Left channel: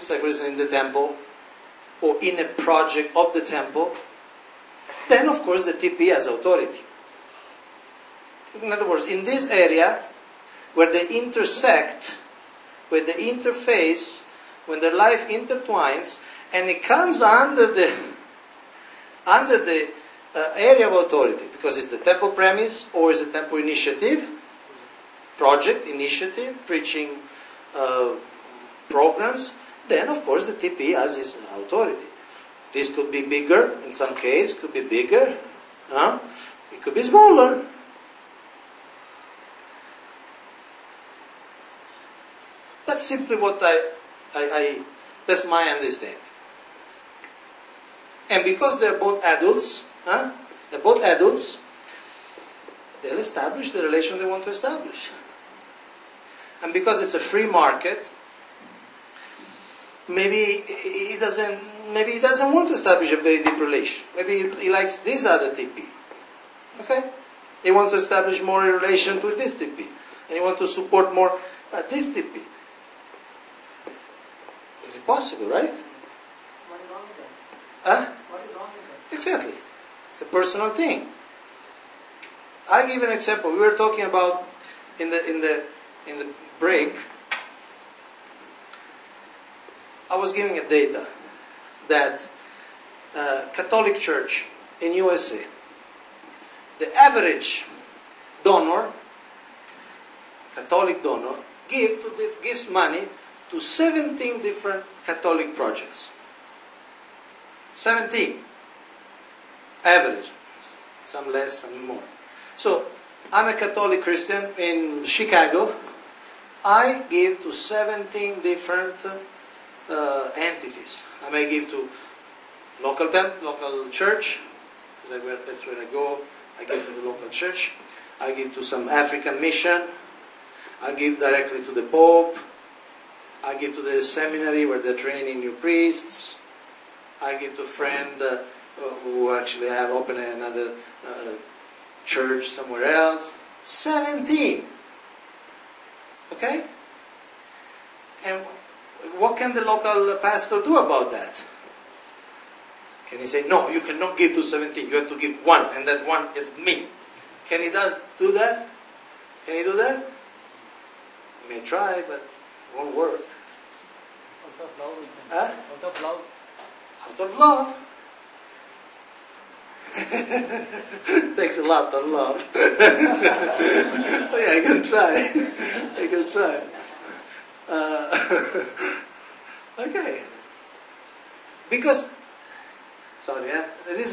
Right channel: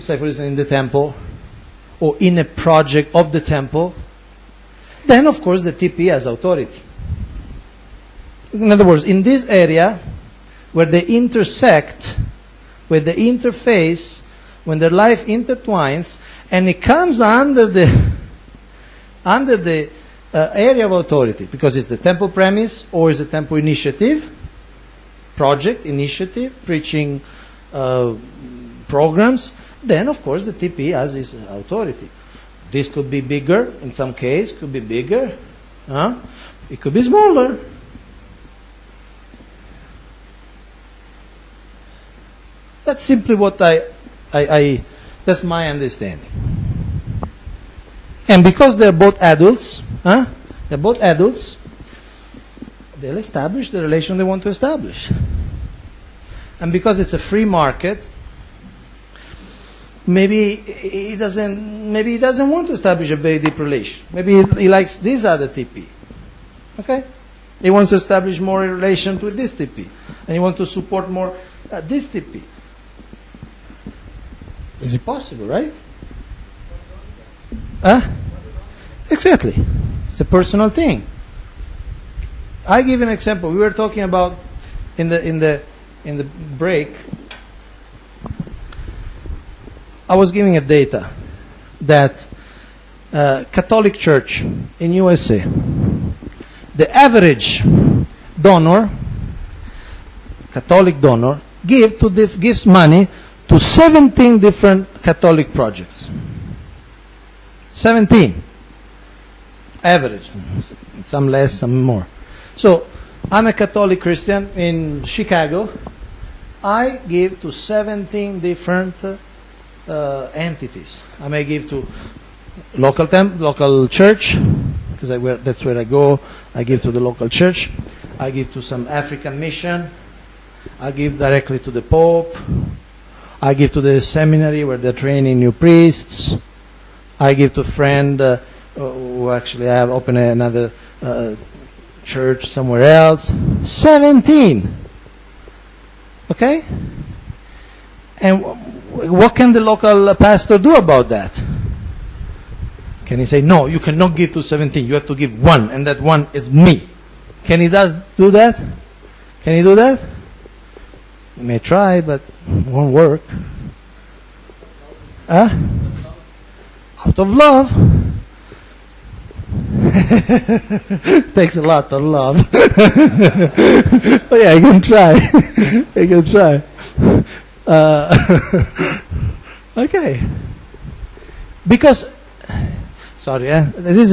Say for instance in the temple or in a project of the temple, then of course the TP has authority. In other words, in this area where they intersect, where the interface, when their life intertwines, and it comes under the area of authority, because it's the temple premise or it's a temple initiative, project, initiative, preaching programs, then of course the TP has its authority. This could be bigger, in some case, could be bigger, it could be smaller. That's simply what that's my understanding. And because they're both adults, they'll establish the relation they want to establish. And because it's a free market, maybe he doesn't want to establish a very deep relation. Maybe he likes this other TP. Okay? He wants to establish more a relation with this TP. And he wants to support more this TP. Is it possible, right? Exactly. It's a personal thing. I give an example. We were talking about in the break. I was giving a data that Catholic Church in USA, the average donor, Catholic donor, gives money to 17 different Catholic projects. 17. Average. Some less, some more. So, I'm a Catholic Christian in Chicago. I give to 17 different entities. I may give to local church, because that's where I go. I give to the local church. I give to some African mission. I give directly to the Pope. I give to the seminary where they're training new priests. I give to a friend who actually have opened another church somewhere else. 17. Okay? And what can the local pastor do about that? Can he say, no, you cannot give to 17, you have to give one, and that one is me? Can he do that? Can he do that? He may try, but it won't work. Out of love. Takes a lot of love. Oh yeah, you can try. You can try. Okay. Because, sorry, this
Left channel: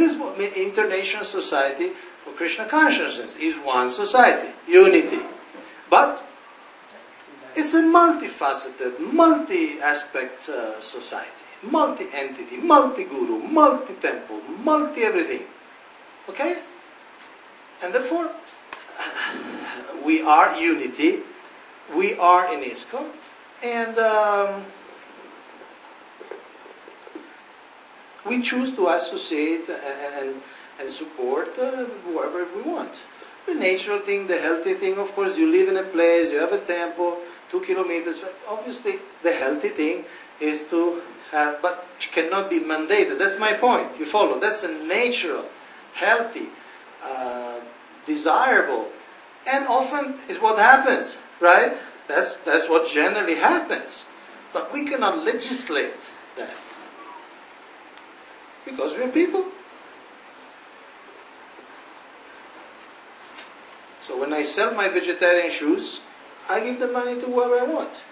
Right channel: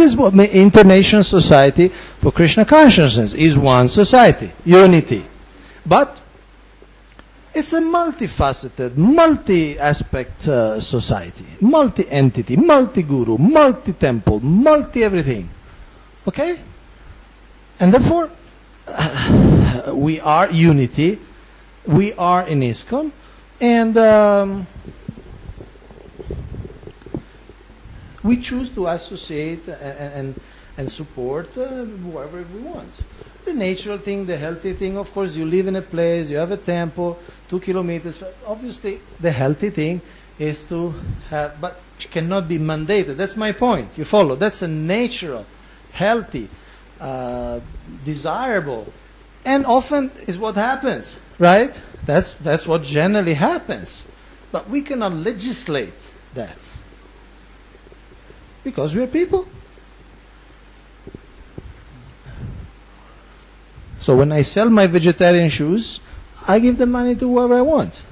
is what International Society for Krishna Consciousness is. One society, unity, but it's a multifaceted, multi-aspect society, multi-entity, multi-guru, multi-temple, multi-everything. Okay? And therefore, we are unity, we are in ISKCON, and we choose to associate and support whoever we want. The natural thing, the healthy thing, of course, you live in a place, you have a temple, 2 kilometers. Obviously, the healthy thing is to have, but it cannot be mandated. That's my point. You follow? That's a natural, healthy, desirable, and often is what happens, right? That's what generally happens. But we cannot legislate that because we're people. So when I sell my vegetarian shoes, I give the money to whoever I want.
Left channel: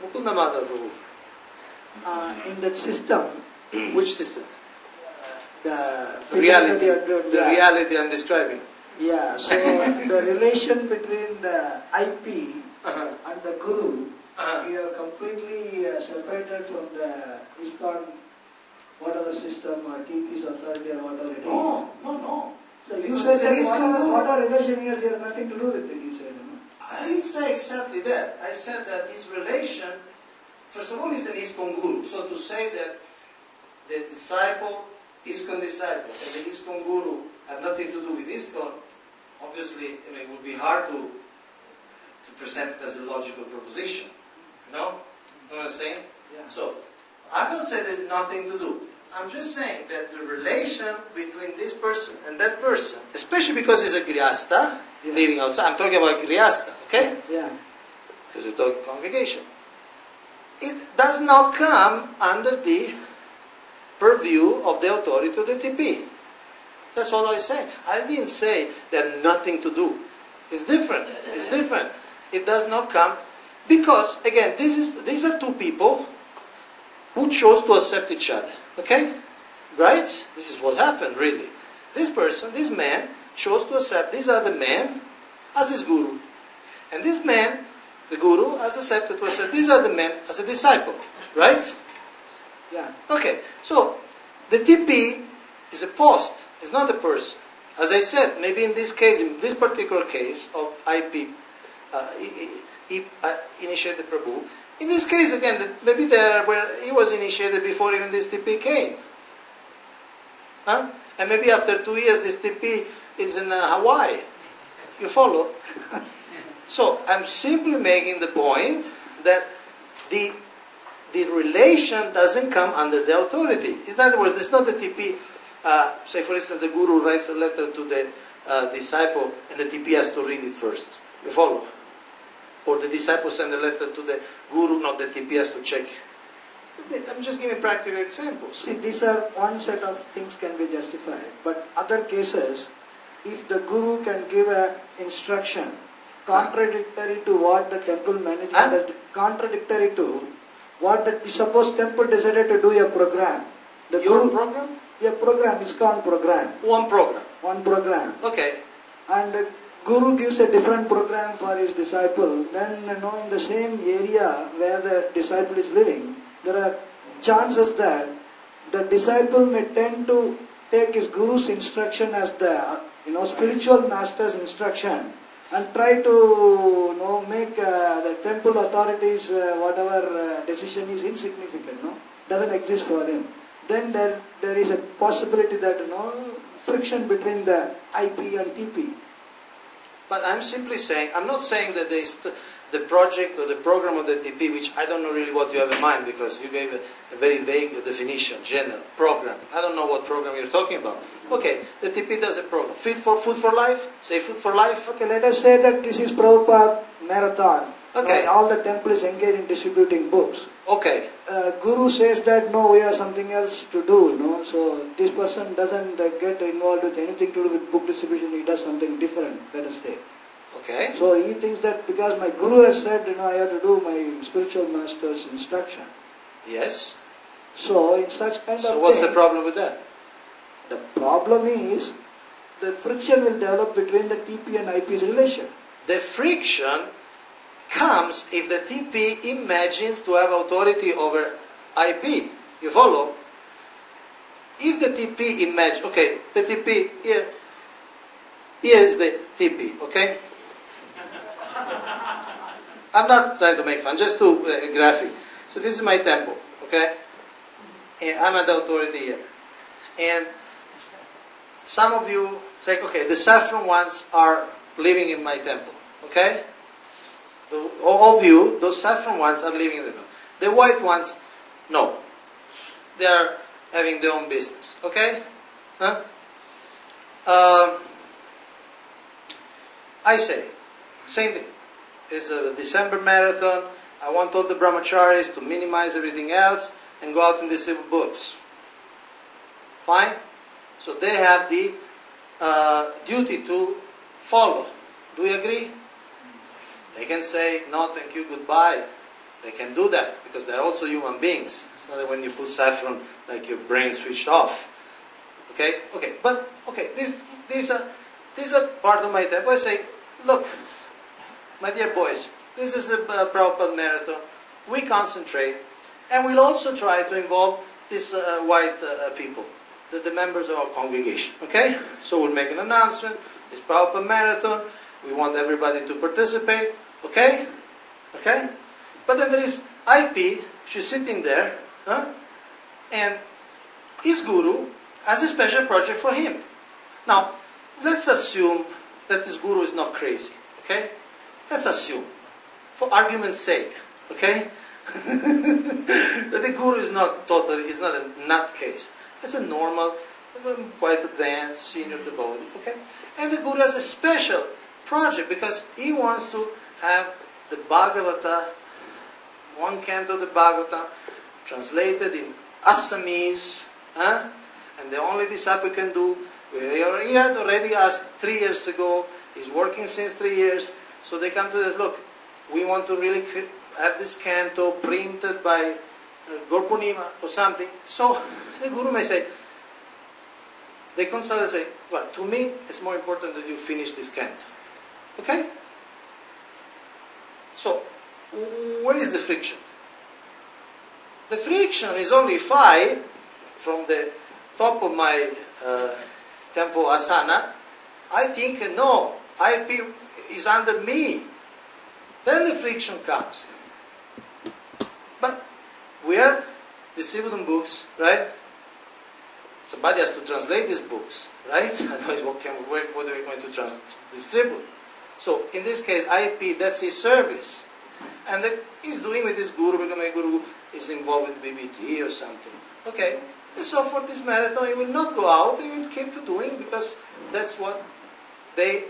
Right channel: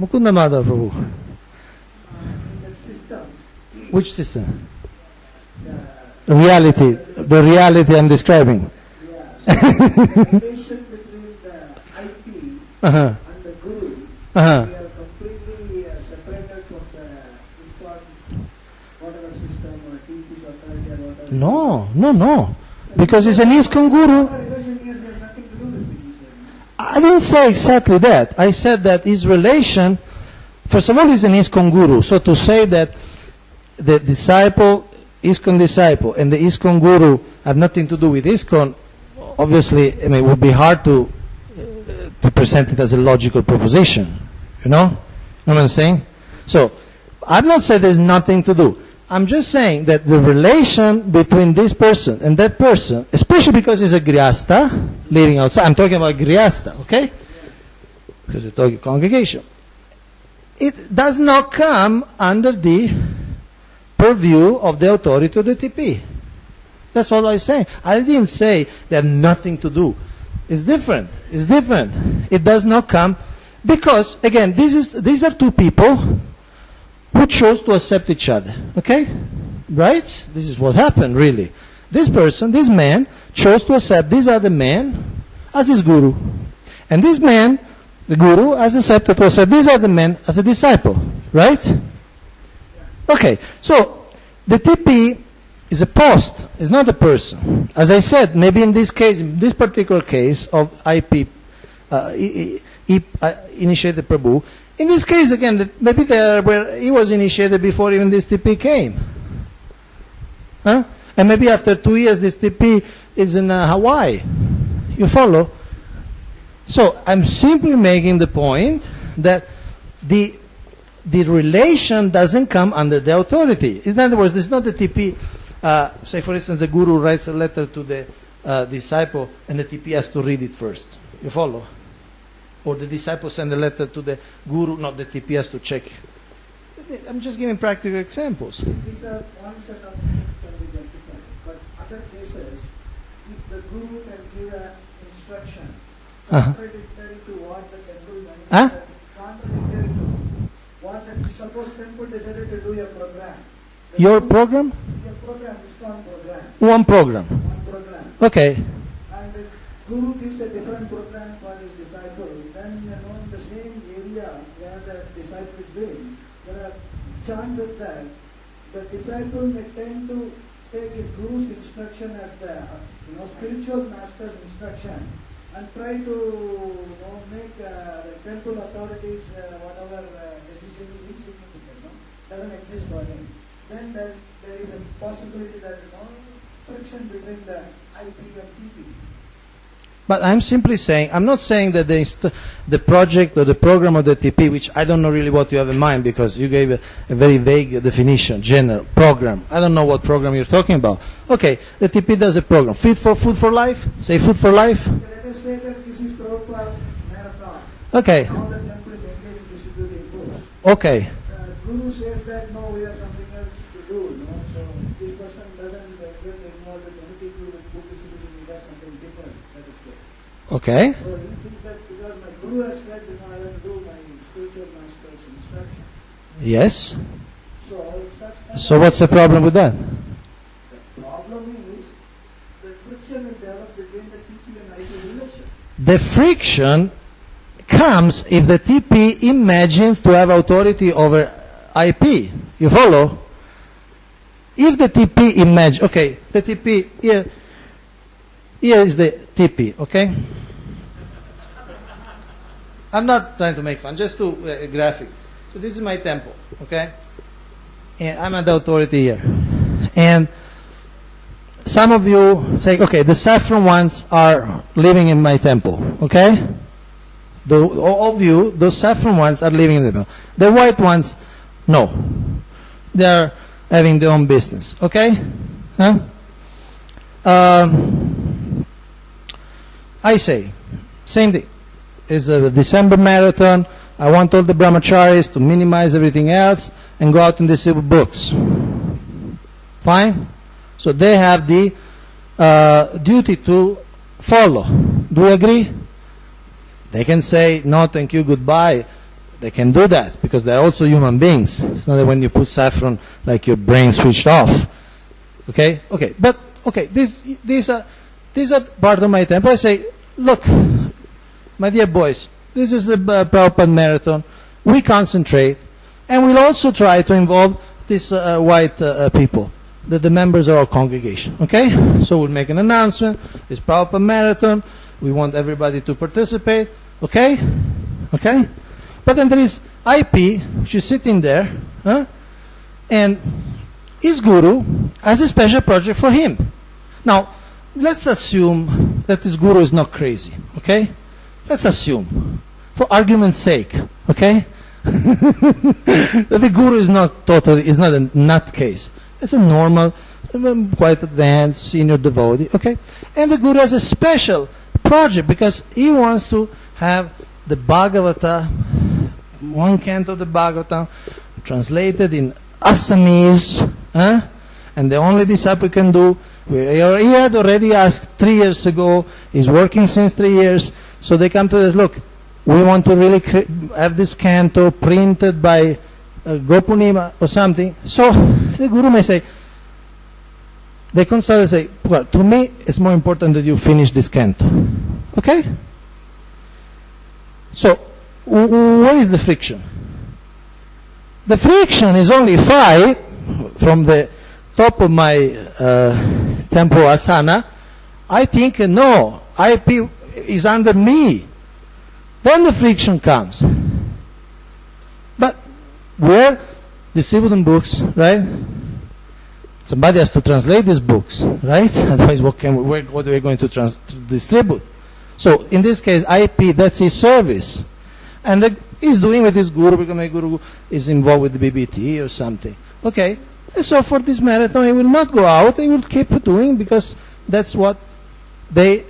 Mukunda Madhava Prabhu. In that system. Which system? The reality. The reality I'm describing. Yeah. So the relation between the IP and the Guru, we are completely separated from the ISKCON, whatever system or TP's authority or whatever. No. Because it's an ISKCON Guru. I didn't say exactly that. I said that his relation, first of all, is an ISKCON Guru. So to say that the disciple ISKCON disciple and the ISKCON guru have nothing to do with ISKCON, obviously, I mean, it would be hard to present it as a logical proposition. You know what I'm saying? So, I'm not saying there's nothing to do. I'm just saying that the relation between this person and that person, especially because he's a grihasta, living outside, I'm talking about grihasta, okay? Yeah. Because we're talking congregation. It does not come under the purview of the authority of the TP. That's all I say. I didn't say they have nothing to do. It's different. It's different. It does not come because, again, these are two people who chose to accept each other. Okay? Right? This is what happened, really. This person, this man, chose to accept this other man as his guru. And this man, the guru, has accepted to accept this other man as a disciple. Right? Yeah. Okay. So, the TP is a post. It's not a person. As I said, maybe in this case, in this particular case of IP, initiated Prabhu, in this case, again, maybe where he was initiated before even this TP came. Huh? And maybe after 2 years, this TP is in Hawaii. You follow? So I'm simply making the point that the relation doesn't come under the authority. In other words, it's not the TP. Say, for instance, the guru writes a letter to the disciple, and the TP has to read it first. You follow? Or the disciple send a letter to the guru, not the TP has to check. I'm just giving practical examples. See, these are one set of things can be justified, but other cases, if the guru can give an instruction contradictory to what the temple manager has, contradictory to what the, suppose temple decided to do a program. Your program? Your program, ISKCON program. One program. One program. Okay. And the guru gives a different program for his disciple, then in the same area where the disciple is living, there are chances that the disciple may tend to take his guru's instruction as the spiritual master's instruction and try to make the temple authorities whatever decision is insignificant, doesn't exist for him. Then there is a possibility that friction between the IP and TP. But I'm simply saying, I'm not saying that the project or the program of the TP, which I don't know really what you have in mind because you gave a very vague definition, general, program. I don't know what program you're talking about. Okay, the TP does a program. Food for life? Say food for life? Okay, let us say that this is Prabhupada marathon. Okay. All the temples engage in distributing books. Okay. Guru says that no, we have something else to do, so this person doesn't get involved with anything to do with book distribution, he does something different, let us say. Okay. So he thinks that because my guru has said, I have to do my spiritual master's instruction. Yes. So in such kind of So what's the problem with that? The problem is the friction will develop between the TP and IP's relation. The friction comes if the TP imagines to have authority over IP. You follow? If the TP imagines, okay, the TP, here is the TP, okay? I'm not trying to make fun, just to graphic. So this is my temple, okay? And I'm at the authority here. And some of you say, okay, the saffron ones are living in my temple, okay? All of you, those saffron ones are living in the temple. The white ones, no. They are having their own business, okay? Huh? I say, same thing. It's a December marathon. I want all the brahmacharis to minimize everything else and go out and distribute books. Fine? So they have the duty to follow. Do we agree? They can say, no, thank you, goodbye. They can do that because they're also human beings. It's not that when you put saffron, like your brain switched off. Okay? Okay. But, okay, these are part of my temple. I say, look, my dear boys, this is a Prabhupada marathon. We concentrate, and we'll also try to involve these white people, the members of our congregation. Okay? So we'll make an announcement. It's Prabhupada marathon. We want everybody to participate. Okay? Okay? But then there is IP, which is sitting there, and his guru has a special project for him. Now, let's assume that this guru is not crazy, okay? Let's assume, for argument's sake, okay? That the guru is not a nutcase. It's a normal, quite advanced senior devotee, okay? And the guru has a special project because he wants to have the Bhagavata, one canto of the Bhagavata, translated in Assamese, and the only disciple can do. He had already asked 3 years ago. He's working since 3 years. So they come to us, look, we want to really have this canto printed by Gopurnima or something. So the guru may say, they consult and say, well, to me it's more important that you finish this canto. Okay? So where is the friction? The friction is only if I, from the top of my temple asana, I think, no, IP is under me. Then the friction comes. But we're distributing books, right? Somebody has to translate these books, right? Otherwise, what are we going to distribute? So in this case, IP, that's his service. And he's doing with his guru, because my guru is involved with the BBT or something. Okay, and so for this marathon, he will not go out, he will keep doing, because that's what they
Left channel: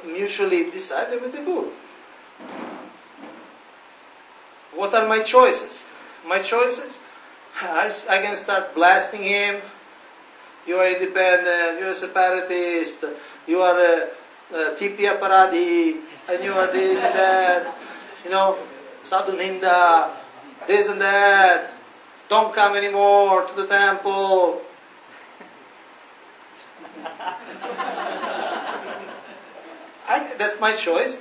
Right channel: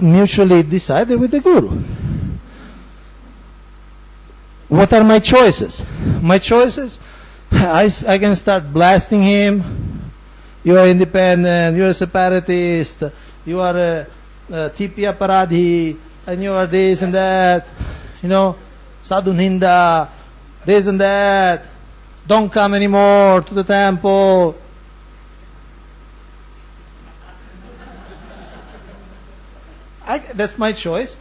mutually decided with the guru. What are my choices? My choices? I can start blasting him. You are independent, you are a separatist, you are a TP Aparadhi, and you are this and that. You know, Sadhu Ninda, this and that. Don't come anymore to the temple. That's my choice.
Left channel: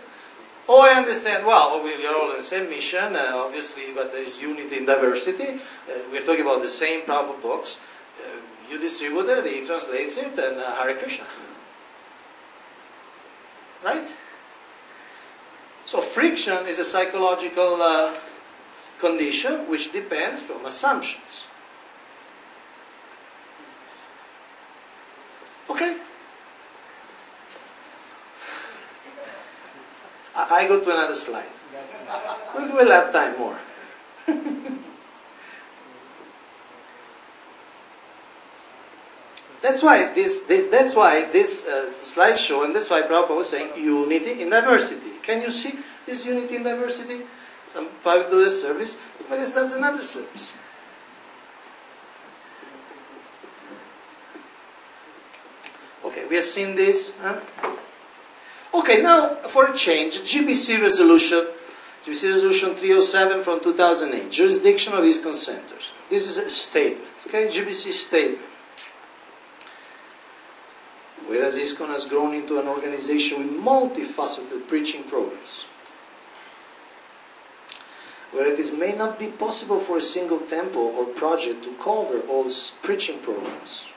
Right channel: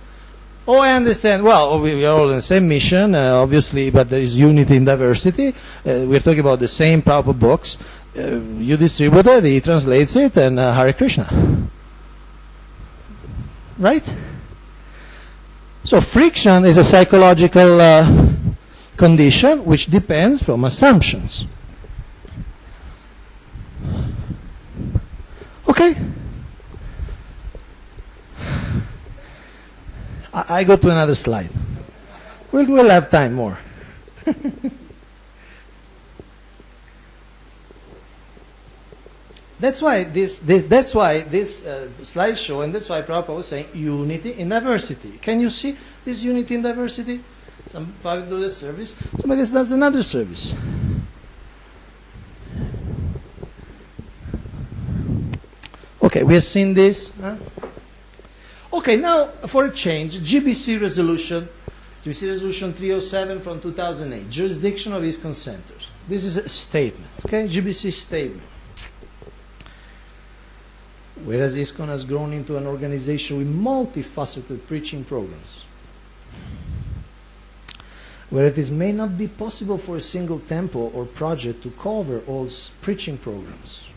Oh, I understand. Well, we are all in the same mission, obviously, but there is unity in diversity. We're talking about the same Prabhupada books. You distribute it, he translates it, and Hare Krishna. Right? So friction is a psychological condition which depends from assumptions. Okay? I go to another slide. We'll have time more. That's why this slideshow, and that's why Prabhupada was saying unity in diversity. Can you see this unity in diversity? Somebody does a service, somebody else does another service. Okay, we have seen this. Okay, now for a change, GBC resolution 307 from 2008, jurisdiction of ISKCON centers. This is a statement, okay, GBC statement. Whereas ISKCON has grown into an organization with multifaceted preaching programs, where it may not be possible for a single temple or project to cover all preaching programs.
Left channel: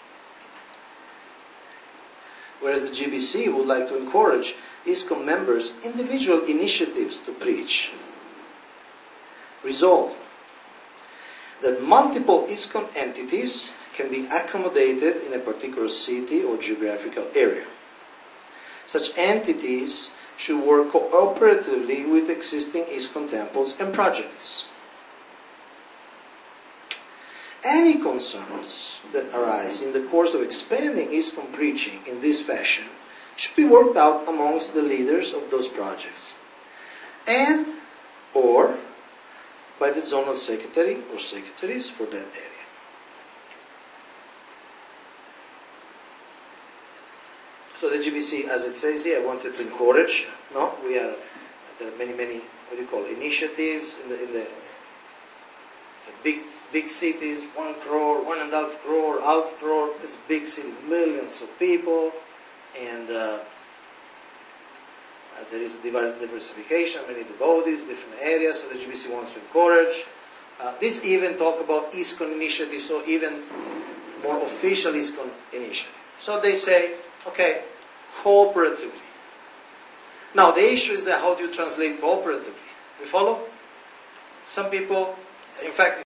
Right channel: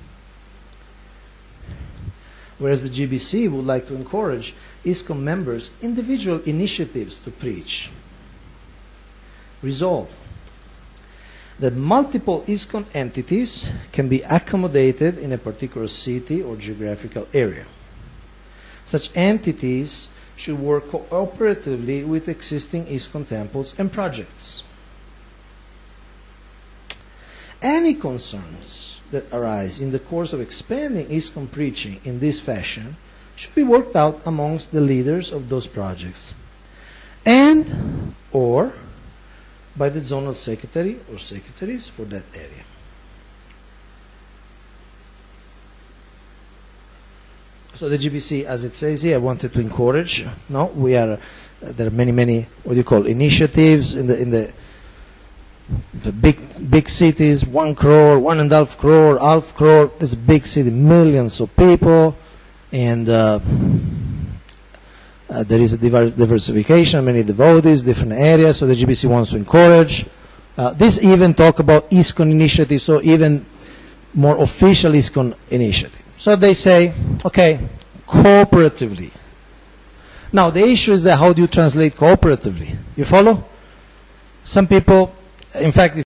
Whereas the GBC would like to encourage ISKCON members' individual initiatives to preach. Resolve that multiple ISKCON entities can be accommodated in a particular city or geographical area. Such entities should work cooperatively with existing ISKCON temples and projects. Any concerns that arise in the course of expanding ISKCON preaching in this fashion should be worked out amongst the leaders of those projects and or by the zonal secretary or secretaries for that area. So the GBC, as it says here, wanted to encourage. No, there are many what do you call initiatives in the big cities, 1 crore, 1.5 crore, half crore. It's a big city, millions of people, and there is a diversification, many devotees, different areas. So the GBC wants to encourage. This even talk about ISKCON initiative, so even more official ISKCON initiative. So they say, okay, cooperatively. Now the issue is that how do you translate cooperatively? You follow? Some people, in fact,